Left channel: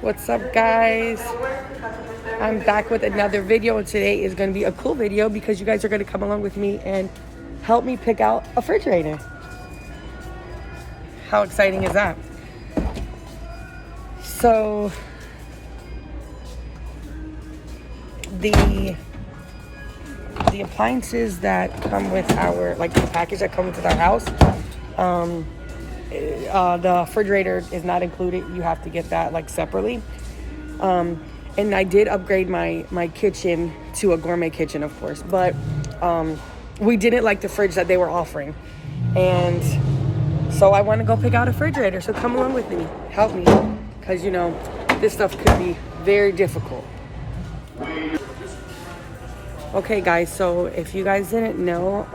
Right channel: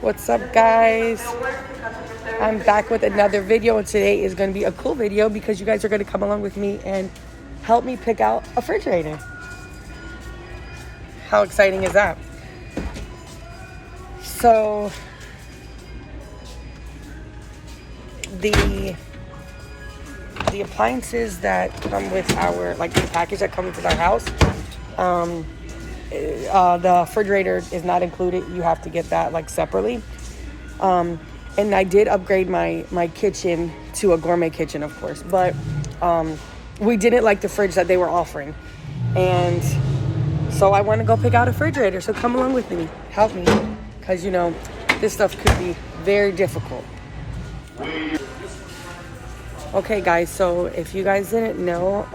What's up, guys? I'm back with another video, and today is going to be a cool video because you guys are going to come along with me and help me pick out a refrigerator. How exciting is that? So the appliances that come with our, like the package that comes with our house, the refrigerator is not included. You have to get that like separately. And I did upgrade my kitchen to a gourmet kitchen, of course, but we didn't like the fridge that they were offering, and so I want to go pick out a refrigerator. So come along with me, help me, because you know this stuff could be very difficult. Okay, guys, so if you guys didn't know,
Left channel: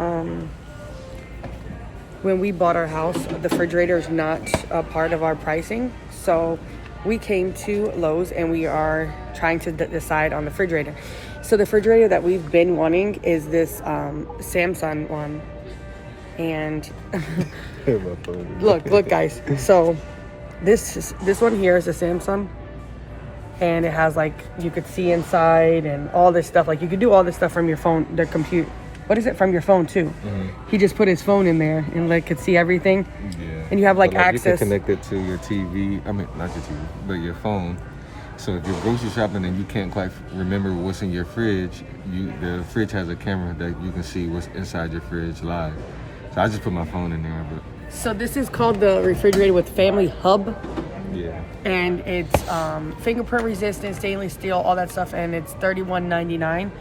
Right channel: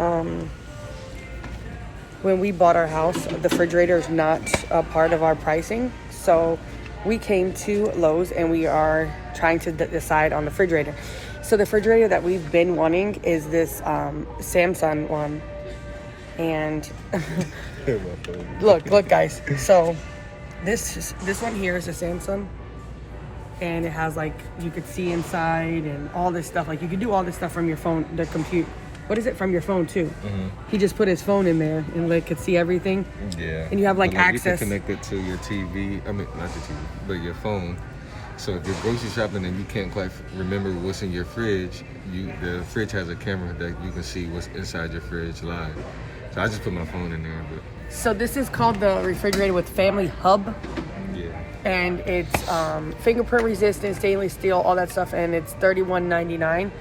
when we bought our house, the refrigerator is not a part of our pricing. So we came to Lowe's and we are trying to decide on the refrigerator. So the refrigerator that we've been wanting is this Samsung one. And look, guys. So this one here is a Samsung. And it has like, you could see inside and all this stuff. Like you could do all this stuff from your phone, the computer. What is it, from your phone too? Mm-hmm. He just put his phone in there and like could see everything. Yeah. And you have like access. You can connect it to your TV. I mean, not your TV, but your phone. So if you're grocery shopping and you can't quite remember what's in your fridge, the fridge has a camera that you can see what's inside your fridge live. So I just put my phone in there. But so this is called the refrigerator with family hub. Yeah. And it's fingerprint resistant, stainless steel, all that stuff, and it's $31.99.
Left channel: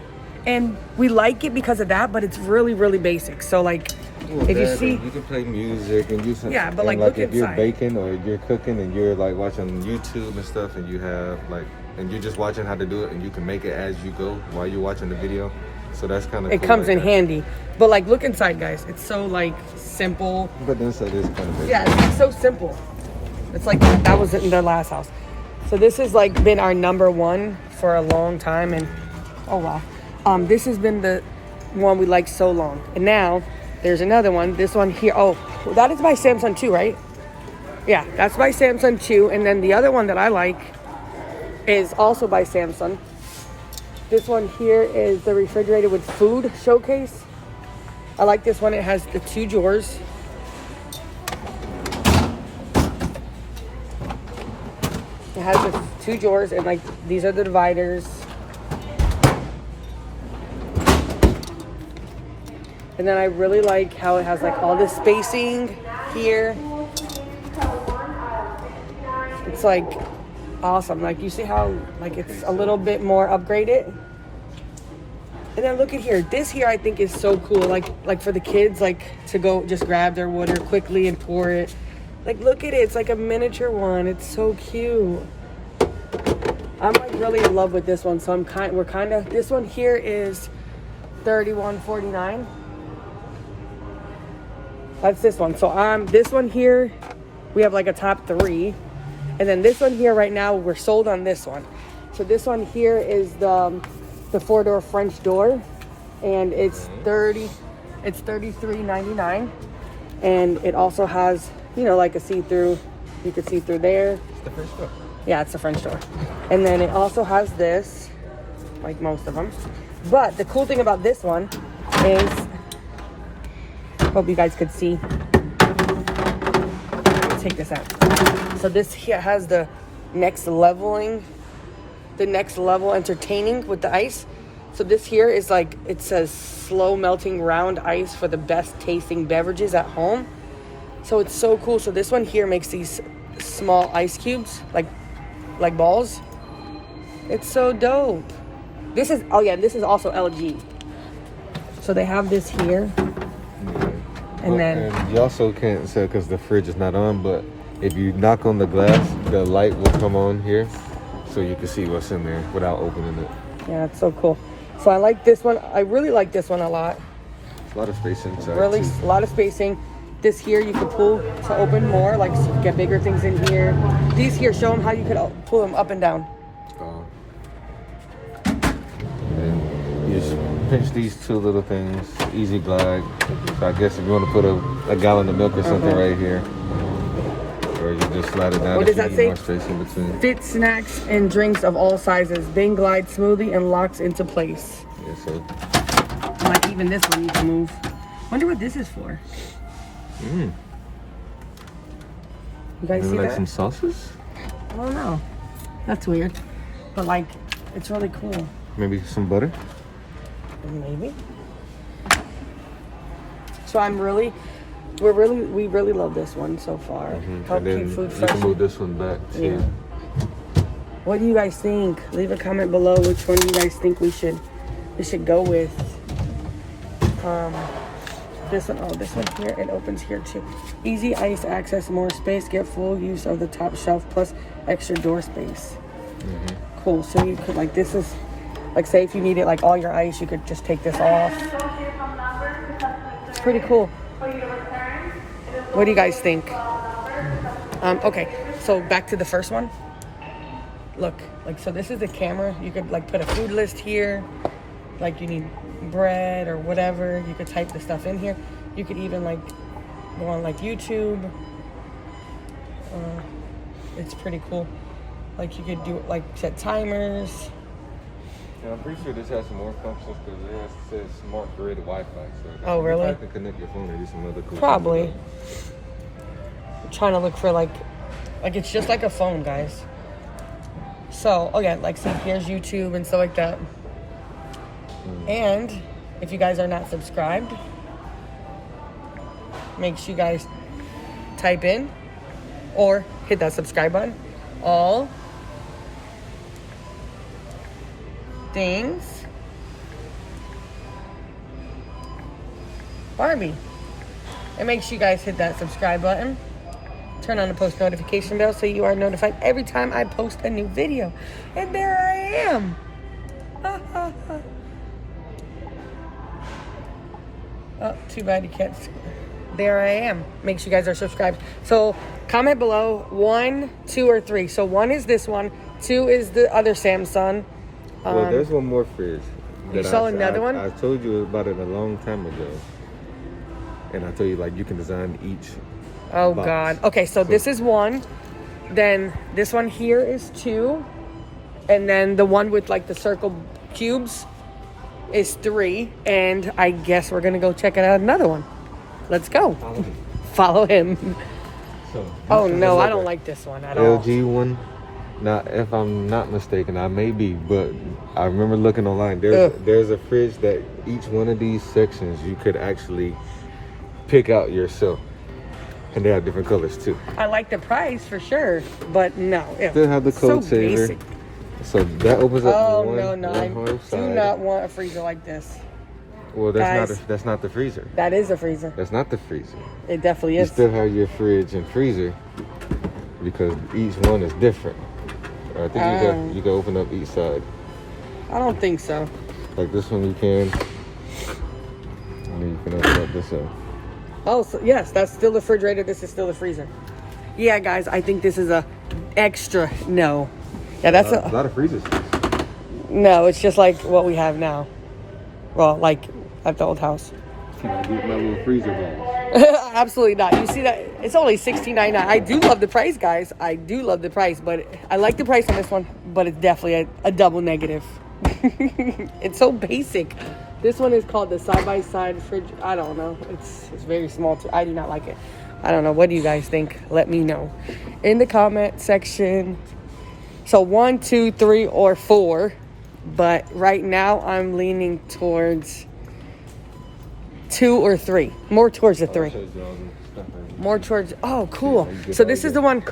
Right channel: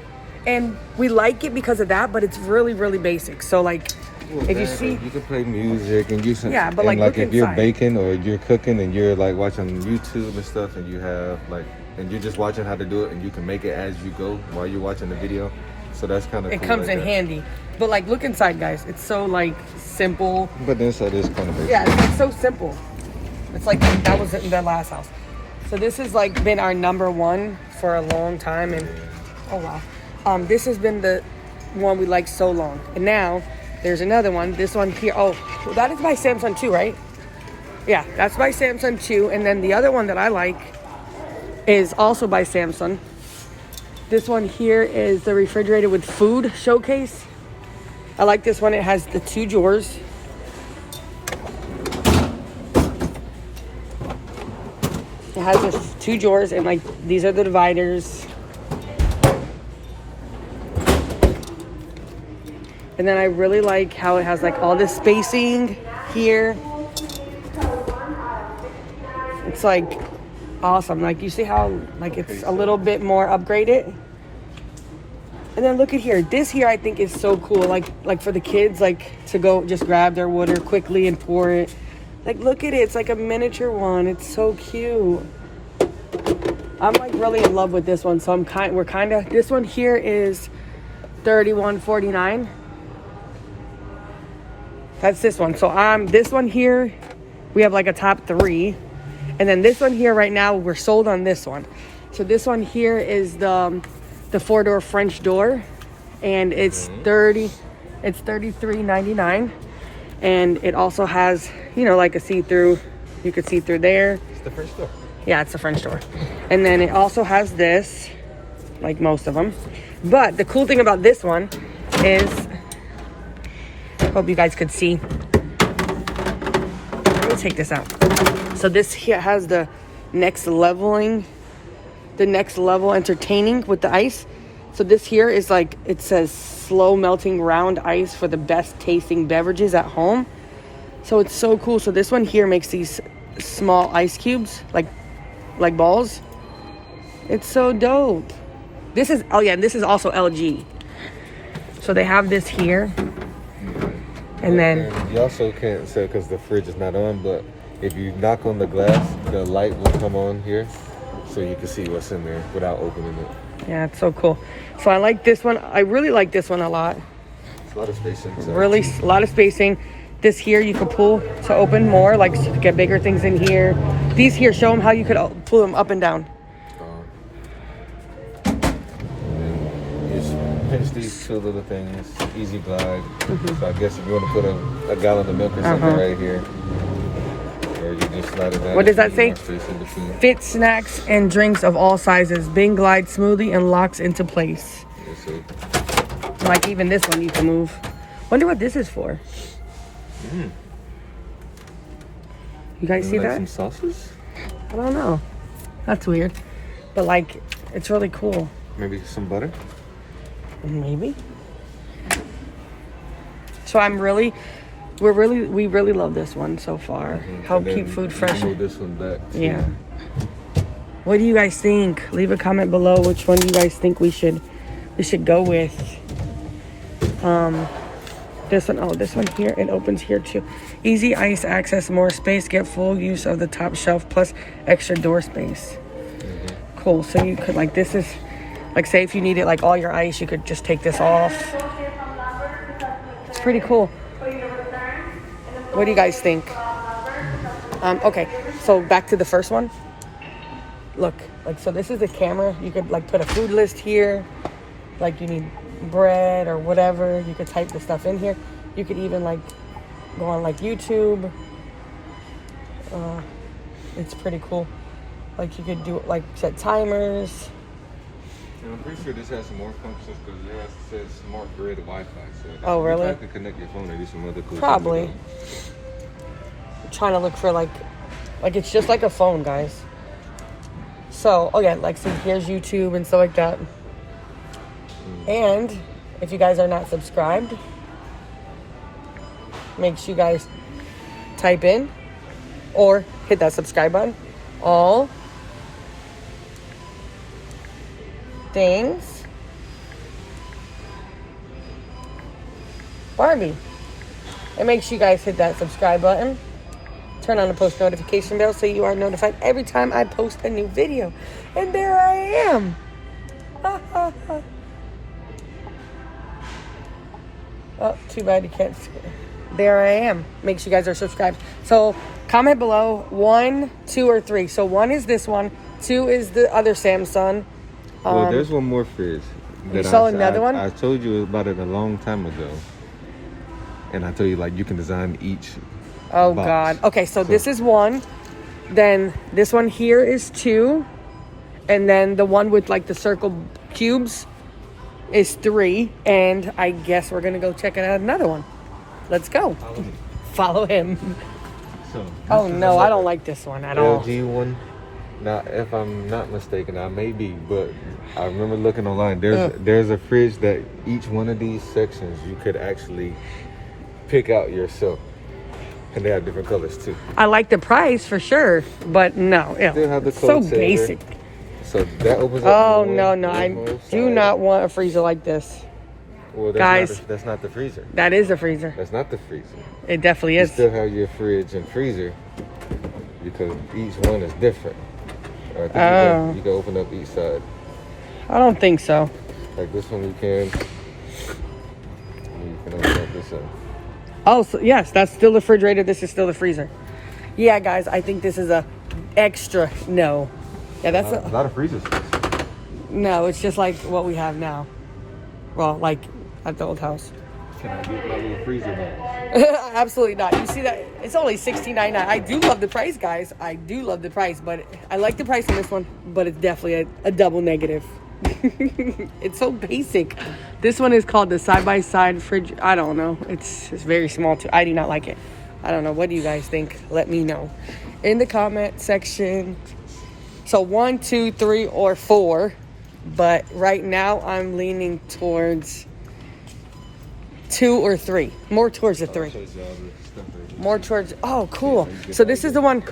And we like it because of that, but it's really, really basic. So like, if you see, you can play music and you can, but like if you're baking or you're cooking and you're like watching YouTube and stuff, and you have like, and you're just watching how to do it, and you can make it as you go while you're watching the video. So that's kind of cool. It comes in handy. But like, look inside, guys. It's so like simple. But the inside is kind of basic. Yeah, it's so simple. It's like that was in the last house. So this has like been our number one for a long time, and oh wow, this has been the one we like so long. And now there's another one. This one here. Oh, that is by Samsung too, right? Yeah, that's by Samsung too. And then the other one that I like is also by Samsung. This one here is the refrigerator with food showcase. I like this one. It has the 2 drawers. It has the 2 drawers, and like these are the dividers. And then I really like how it has like all this spacing here. It's like awesome. Like you see how like it's a little bit more upgraded. And then look at here. This here I think is so cool. Like for the kids, like to go just grab their water quickly and pour it. Like look at it. It's like a miniature one. It's so cute. I'm like really in love with this one. So we're kind of, this one here is $31.49. That's this one. So this one here, we have like a top 3. And then this one here right now, we're sold on this one. So this one here is the 4-door French door, and it's $33.99. And it also has, you know, like a see-through. You could see through there. It's the French door. Yeah, it's the French door. And then it also has this, like most of them. But the cool thing about this one is, I hope you guys could see. Let's take this out. So this here has the next level entertaining with the ice. So this here is like, it says slow melting round ice for the best tasting beverages at home. So it's so cool. So this one here makes these small ice cubes, like balls. It's so dope. This is, oh yeah, this is also LG. So they have this here. And then you also can't say, because the fridge is not on, but if you knock on the glass, the light will come on here, so you can see what's in there without opening it. Yeah, it's so cool. So I like this one. I really like this one a lot. It's a lot of spacing. Really, a lot of spacing. This here you could pull to open more, like so you could get bigger things in here. These here, show them how you could pull them up and down. Pinch these 2 little things, easy glide. So I guess if you want to put a gallon of milk or something right here, or you just slide it down. What does that if you say? need more space in between. Fit snacks and drinks of all sizes. Bing glides smoothly and locks into place. Yes, sir. Like even this one you can move. Wonder what this is for. Mm. You guys see Like that? some sauces? I don't know. That's weird. But like, it's really cool. Maybe some butter? Maybe. So we really love this one so far. Mm-hmm. How keep food You fresh. can move this one back too. Yeah. What do you guys think? Leave a comment below which one you guys think we should go with. This one, this one here, it opens here too. Easy ice access, more space, get full use of the top shelf plus extra door space. Mm-hmm. Cool. So you could like, this is like, say if you needed like all your ice, you could just take this off. It's pretty cool. What do you guys think? Okay, so back to the first one. Look, like, so this is the camera. You could like put a food list here. Like you need bread or whatever. You could type the stuff in here. You could even like go on like YouTube. It's pretty cool. Like you could do like set timers. Yeah, I'm pretty sure this has some more functions because it says smart grid Wi-Fi. So Oh, really? You can connect your phone and do some other cool Probably. stuff. I'm trying to look for like it's just like a phone, guys. So, oh yeah, like, so here's YouTube and stuff like that. And if you guys are not subscribed, make sure you guys type in or hit that subscribe button. All things Barbie. And make sure you guys hit that subscribe button. Turn on the post notification bell so you are notified every time I post a new video. And there I am. Oh, too bad you can't see. There I am. Make sure you guys are subscribed. So comment below 1, 2, or 3. So 1 is this one. 2 is the other Samsung. Well, there's one more fridge. You saw another one? I told you about it a long time ago. And I told you, like, you can design each. Oh, box. God. Okay, so this is 1. Then this one here is 2. And then the one with, like, the circle cubes is 3. And I guess we're going to go check out another one. Let's go. Follow him. So, Oh, no, I don't like this one at all. LG one. Now, if I'm not mistaken, I may be, but I remember looking online. There's a fridge that each one of these sections you could actually pick out yourself, and they have different colors too. I like the price for sure, but no. Yeah. Still have the So code saver. basic. So that opens up. Oh, one- no. one I whole do side. not want a freezer like this. Well, Guys. that's not the freezer. That is a freezer. That's not the freezer. It definitely You is. still have your fridge and freezer because each one is different. I think you can open up each side. I don't think so. Like this one you can. And you can open up this one. Oh, so yes, that's still the refrigerator. This is still the freezer. Yeah, guys, I think this is a extra no. Yeah, that's A lot of freezers. no. It's just like what we have now. Well, like at the old house. Can I get my little freezer box? Absolutely not. You see that? It's only $16.99. I do love the price, guys. I do love the price, but I like the price on this one, but it's definitely a double negative. It's so basic. This one is called the side-by-side fridge. I don't know. It's very small too. I do not like it. I don't know. What do you guys think? Let me know in the comment section. So 1, 2, 3, or 4. But right now I'm leaning towards 2 or 3. More towards the 3. More towards, oh, cool. So this is the one,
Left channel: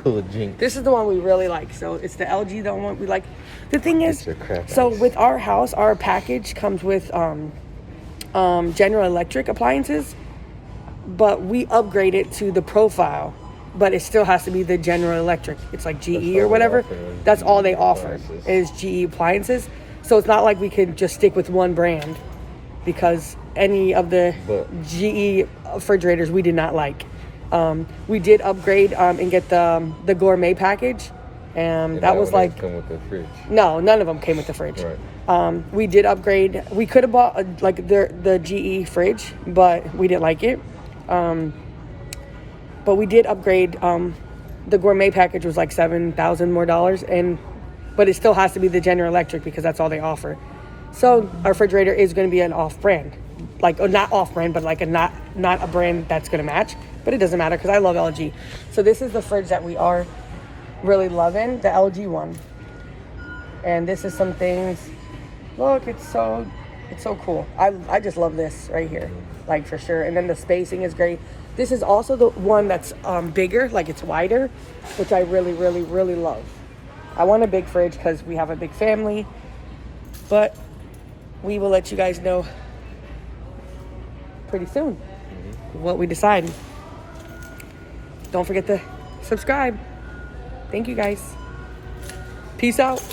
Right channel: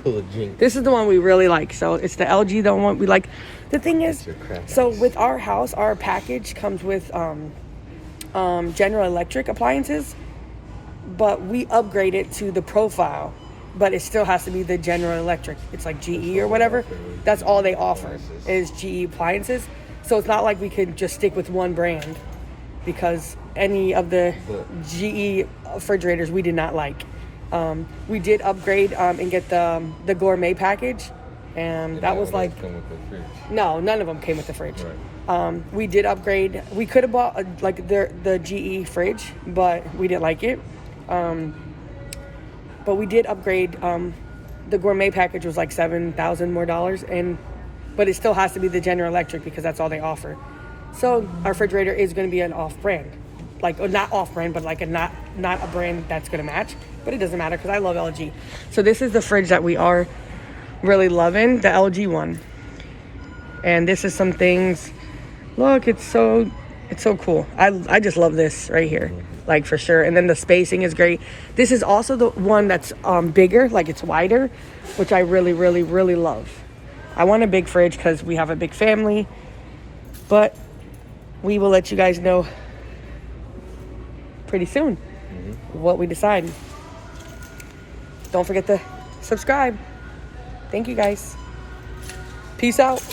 this is the one we really like. So it's the LG, the one we like. The thing is, so with our house, our package comes with General Electric appliances, but we upgrade it to the profile, but it still has to be the General Electric. It's like GE or whatever. That's all they offer is GE appliances. So it's not like we can just stick with one brand because any of the GE refrigerators we did not like. We did upgrade and get the gourmet package, and that was like come with the fridge. No, none of them came with the fridge. Right. We did upgrade. We could have bought like the GE fridge, but we didn't like it. But we did upgrade The gourmet package was like $7,000 more, but it still has to be the General Electric because that's all they offer. So our refrigerator is going to be an off-brand, like, or not off-brand, but like not a brand that's going to match. But it doesn't matter because I love LG. So this is the fridge that we are really loving, the LG one. And this is some things. Look, it's so cool. I just love this right here, like, for sure. And then the spacing is great. This is also the one that's bigger, like it's wider, which I really, really, really love. I want a big fridge because we have a big family, but we will let you guys know pretty soon what we decide. Don't forget to subscribe. Thank you guys. Peace out.